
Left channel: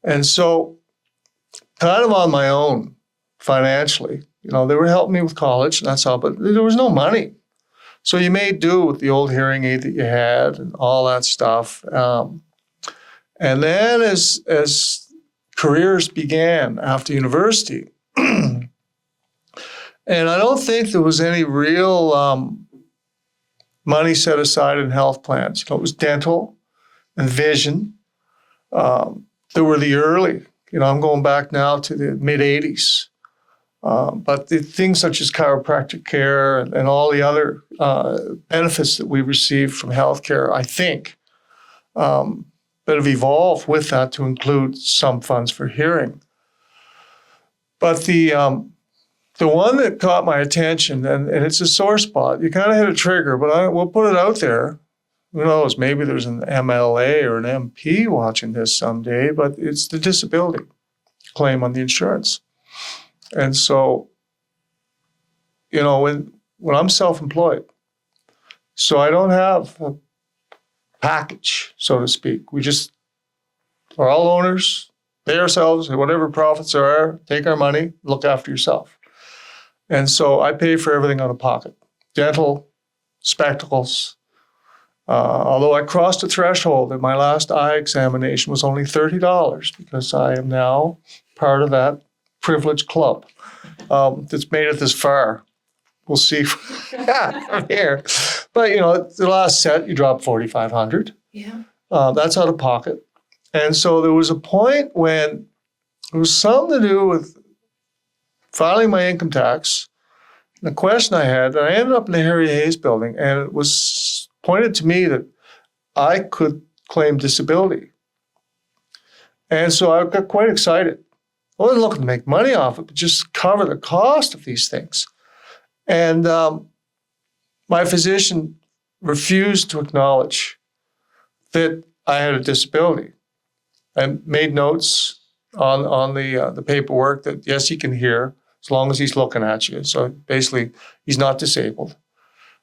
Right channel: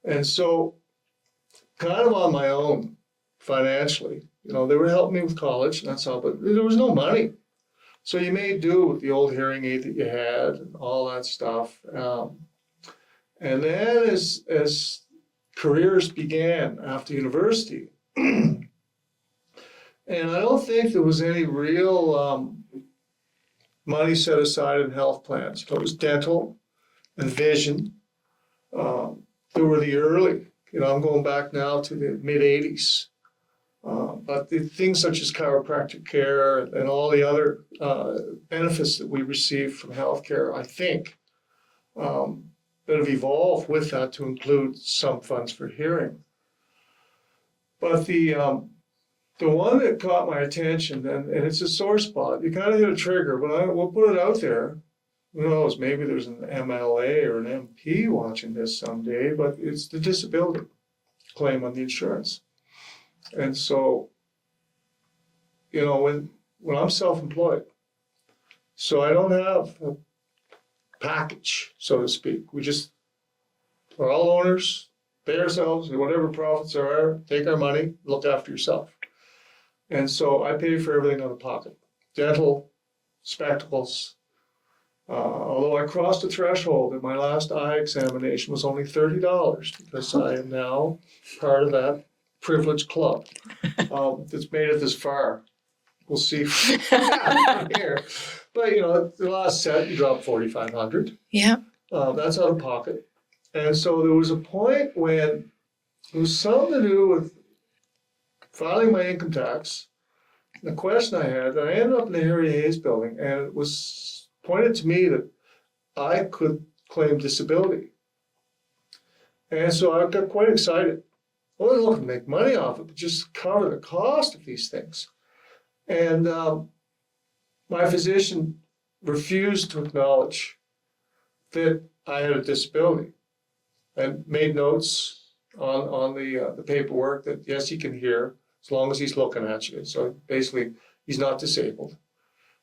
And so kind of on my own financially, they were helping me with college and that's all, but there was no money. So you made do with the old hearing aid that you had and all that stuff. And then as careers began after university, and I don't think there was any real money set aside in health plans. It was dental and vision. They were the early, I'm going back now to the mid-'80s. But the things such as chiropractic care and all the other benefits that we receive from healthcare, I think, that have evolved with that to include some funds for hearing. But the one that caught my attention, and it's a sore spot, you kind of hit a trigger, but we'll put it out there. Who knows, maybe there's an MLA or an MP watching this someday, but it's the disability claim on the insurance. And so, when I'm self-employed, so I don't have a package, so to speak. We just are all owners, pay ourselves, and whatever profits there are, take our money, look after yourself. And so I pay for everything out of pocket. Dental, spectacles. Although I crossed a threshold at my last eye examination was only $30 because I am now part of that privileged club that's made it this far. We'll see from here. But, the last set, you drop $4,500. Yeah. That's out of pocket. And so there was a point when it was something to do with filing my income tax. And the question I had, and I ended up in the Harry Hayes building, and it was pointed to me that I could claim disability. And so I got quite excited. I wasn't looking to make money off it, but just cover the cost of these things. And my physician refused to acknowledge that I had a disability. I made notes on the paperwork that, yes, he can hear as long as he's looking at you. So basically, he's not disabled.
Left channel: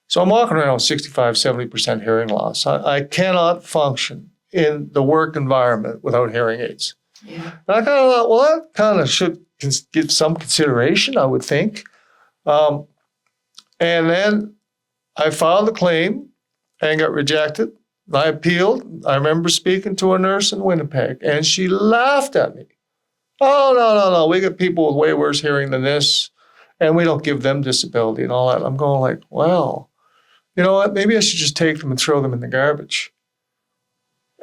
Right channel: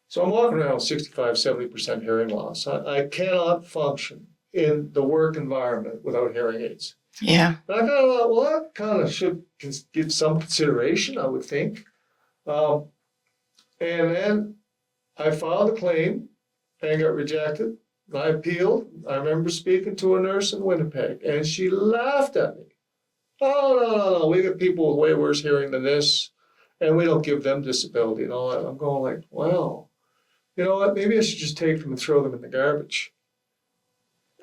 So I'm walking around with 65, 70% hearing loss. I cannot function in the work environment without hearing aids. Yeah. And I kind of thought, well, that kind of should give some consideration, I would think. And then I filed a claim and got rejected. I appealed. I remember speaking to a nurse in Winnipeg, and she laughed at me. Oh, no. We got people with way worse hearing than this, and we don't give them disability and all that. I'm going like, well, you know what? Maybe I should just take them and throw them in the garbage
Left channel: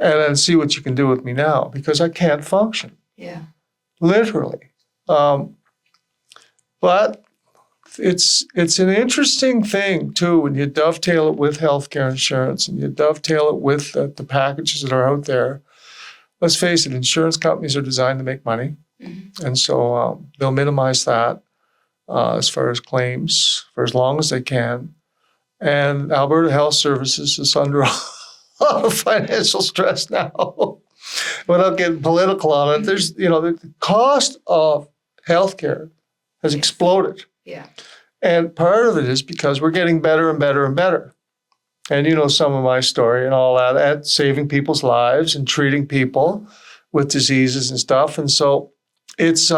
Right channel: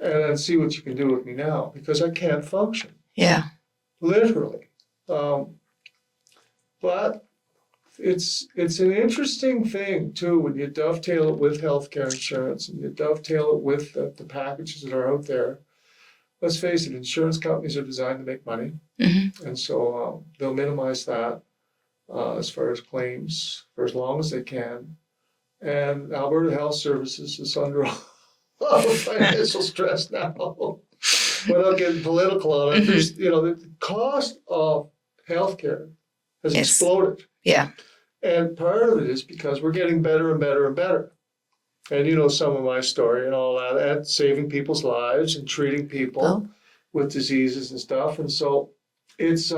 and then see what you can do with me now, because I can't function. Yeah. Literally. But it's an interesting thing, too, when you dovetail it with healthcare insurance and you dovetail it with the packages that are out there. Let's face it, insurance companies are designed to make money. Mm-hmm. And so they'll minimize that as far as claims for as long as they can. And Alberta Health Services is under a lot of financial stress now. Without getting political on it, there's, the cost of healthcare has exploded. Yeah. And part of it is because we're getting better and better and better. And some of my story and all that, at saving people's lives and treating people with diseases and stuff. And so it's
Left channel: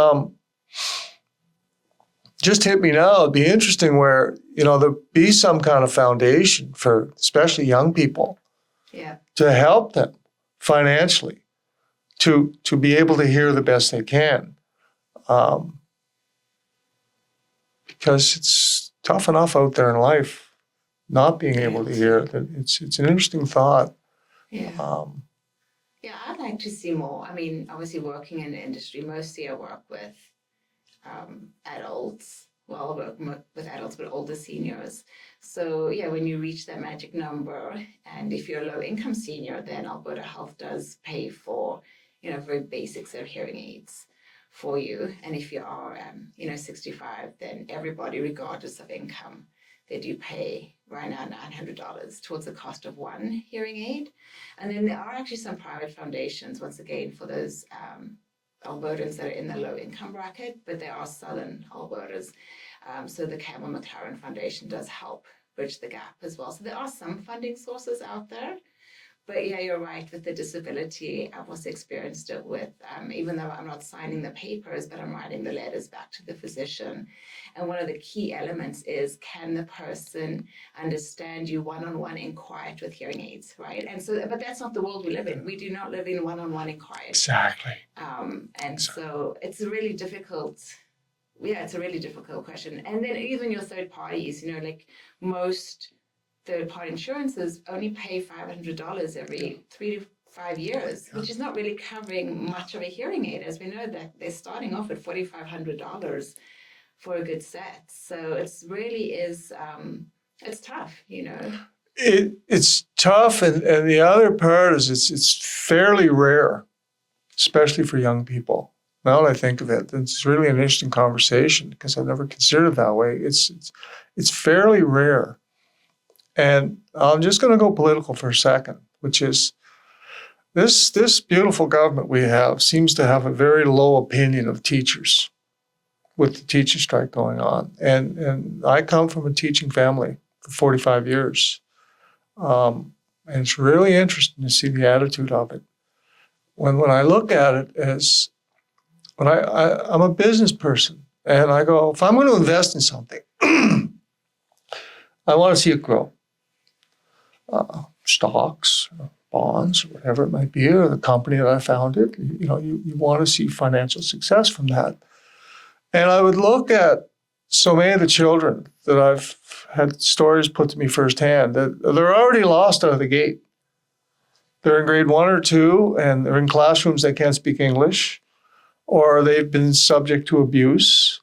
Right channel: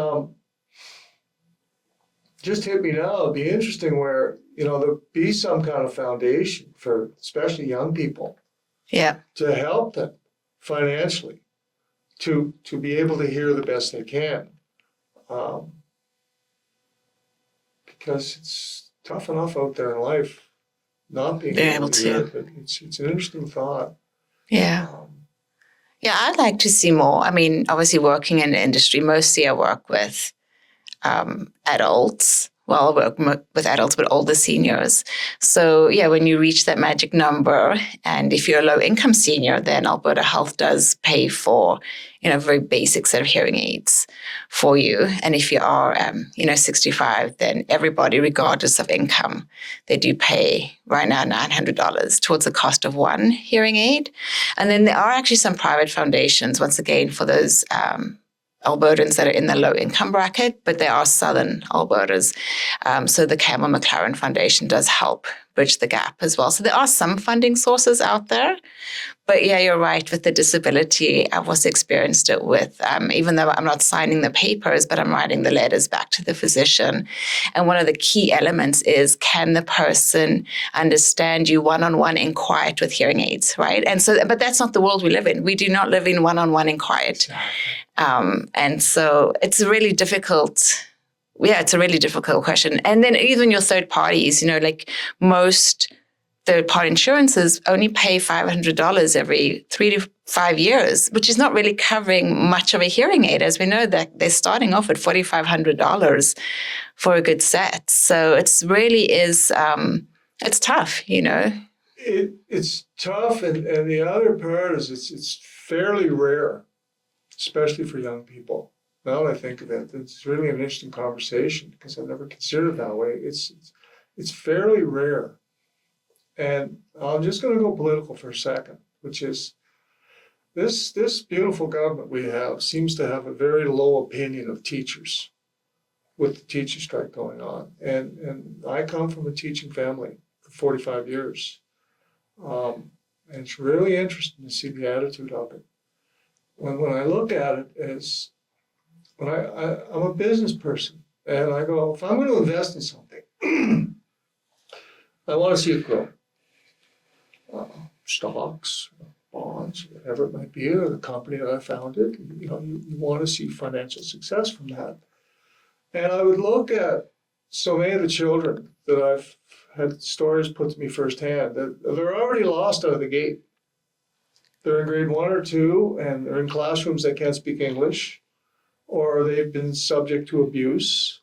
just hit me now. It'd be interesting where, there'd be some kind of foundation for especially young people. Yeah. To help them financially to be able to hear the best they can. Because it's tough enough out there in life not being able to hear it. It's an interesting thought. Yeah. I'd like to see more. I mean, obviously working in the industry, mostly I work with adults. Well, I work with adults, but older seniors. So, when you reach that magic number, and if you're a low-income senior, then Alberta Health does pay for, a very basic set of hearing aids for you. And if you are, 65, then everybody, regardless of income, they do pay right now $900 towards the cost of one hearing aid. And then there are actually some private foundations, once again, for those Albertans that are in the low-income bracket, but they are Southern Albertas. So the Campbell McLaren Foundation does help bridge the gap as well. So there are some funding sources out there. But you're right. With the disability, I've also experienced it with, even though I'm not signing the papers, but I'm writing the letters back to the physician. And one of the key elements is, can the person understand you one-on-one in quiet with hearing aids, right? And so, but that's not the world we live in. We do not live in one-on-one in quiet. Exactly. And so it's a really difficult question. And then even your third parties, like most third-party insurances only pay $500 every 3 to 5 years, which is not really covering much of a hearing aid. As we know, that they're starting off at $4,500 for a good set. So it's really is, it's tough, you know. It's tough, and the other part is it's fairly rare, especially for young people. Now that I think of it, it's really an interesting conversation because I've never considered it that way. It's fairly rare. And I'm just going to go political for a second, which is this beautiful government we have seems to have a very low opinion of teachers with the teacher strike going on. And I come from a teaching family for 45 years. And it's really interesting to see the attitude of it. When I look at it as, when I'm a business person, and I go, if I'm going to invest in something, I want to see it grow. Stocks, bonds, whatever it might be, or the company that I founded, you know, you want to see financial success from that. And I would look at so many of the children that I've had stories put to me firsthand that they're already lost out of the gate. They're in grade 1 or 2, and they're in classrooms that can't speak English, or they've been subject to abuse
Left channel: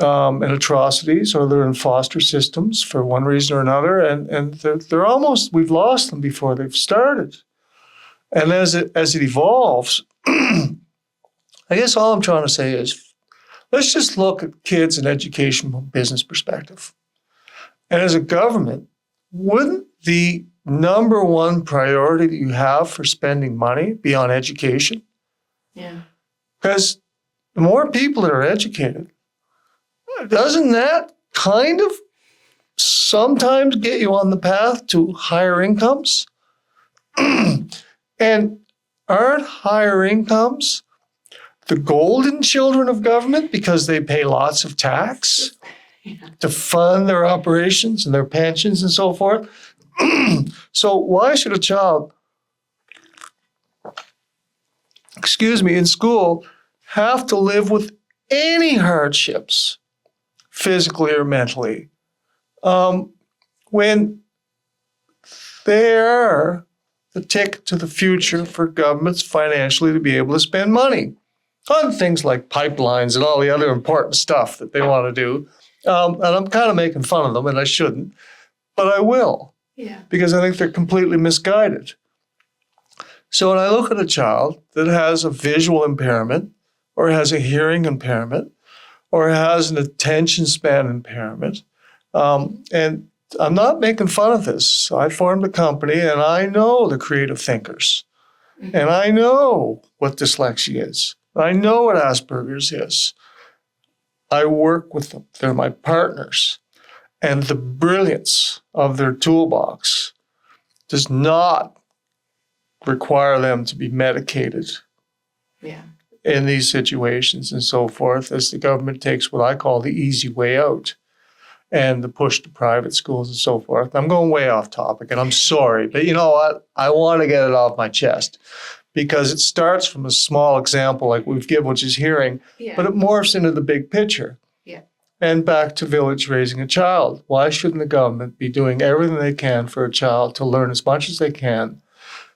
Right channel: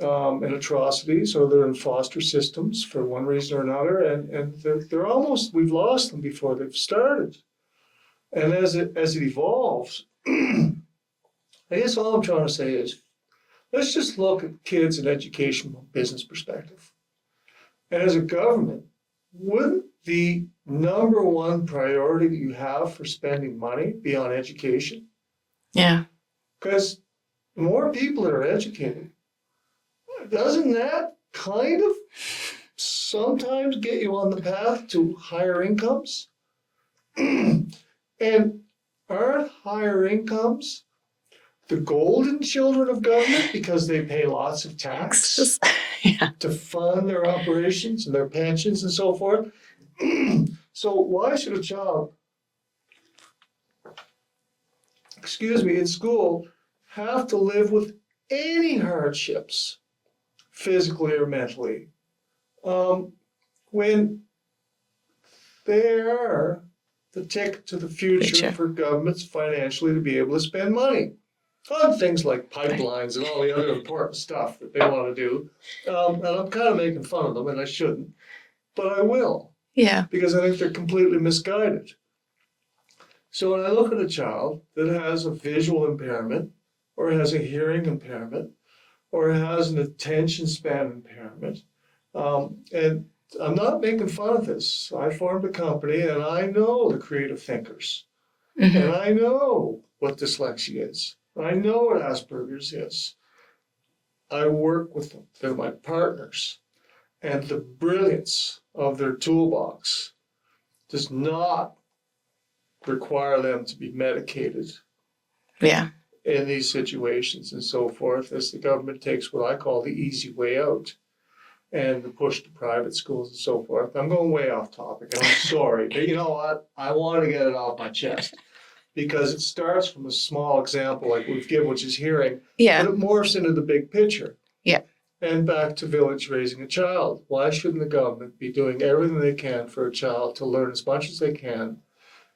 and atrocities, or they're in foster systems for one reason or another, and they're almost, we've lost them before they've started. And as it evolves, I guess all I'm trying to say is, let's just look at kids and education from a business perspective. And as a government, wouldn't the number one priority that you have for spending money be on education? Yeah. Because the more people that are educated, doesn't that kind of sometimes get you on the path to higher incomes? And aren't higher incomes the golden children of government because they pay lots of tax to fund their operations and their pensions and so forth? So why should a child, in school have to live with any hardships, physically or mentally, when they are the ticket to the future for governments financially to be able to spend money on things like pipelines and all the other important stuff that they want to do? And I'm kind of making fun of them, and I shouldn't, but I will. Yeah. Because I think they're completely misguided. So when I look at a child that has a visual impairment, or has a hearing impairment, or has an attention span impairment, and I'm not making fun of this. I formed a company, and I know the creative thinkers. Mm-hmm. And I know what dyslexia is. I know what Asperger's is. I work with them. They're my partners. And the brilliance of their toolbox does not require them to be medicated in these situations and so forth, as the government takes what I call the easy way out and the push to private schools and so forth. I'm going way off topic, and I'm sorry, but you know what? I want to get it off my chest because it starts from a small example like we've given, which is hearing, but it morphs into the big picture. Yeah. And back to village raising a child. Why shouldn't the government be doing everything they can for a child to learn as much as they can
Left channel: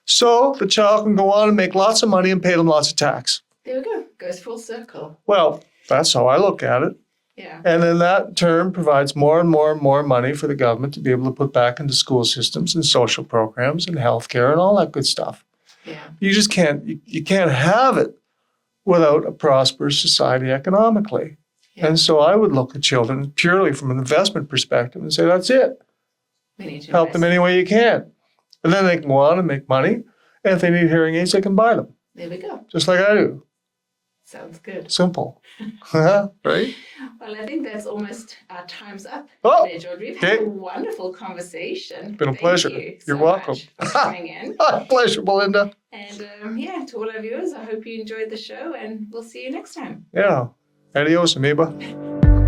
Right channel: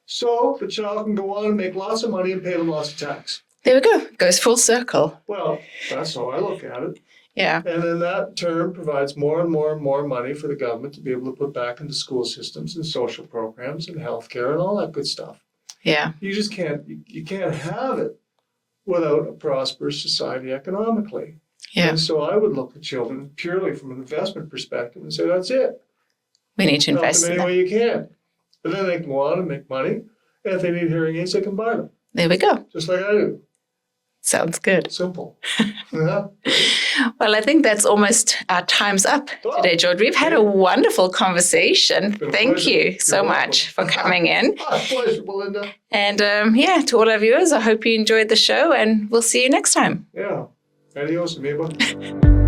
so the child can go on and make lots of money and pay them lots of tax? There we go. Goes full circle. Well, that's how I look at it. Yeah. And then that in turn provides more and more and more money for the government to be able to put back into school systems and social programs and healthcare and all that good stuff. Yeah. You just can't, you can't have it without a prosperous society economically. Yeah. And so I would look at children purely from an investment perspective and say, that's it. We need to invest. Help them any way you can. And then they can go on and make money. And if they need hearing aids, they can buy them. There we go. Just like I do. Sounds good. Simple. Right? Well, I think that's almost our time's up today, George. We've had a wonderful conversation. Thank you so much for coming in. Pleasure, Belinda. And to all our viewers, I hope you enjoyed the show, and we'll see you next time. Yeah. Adios, amoeba.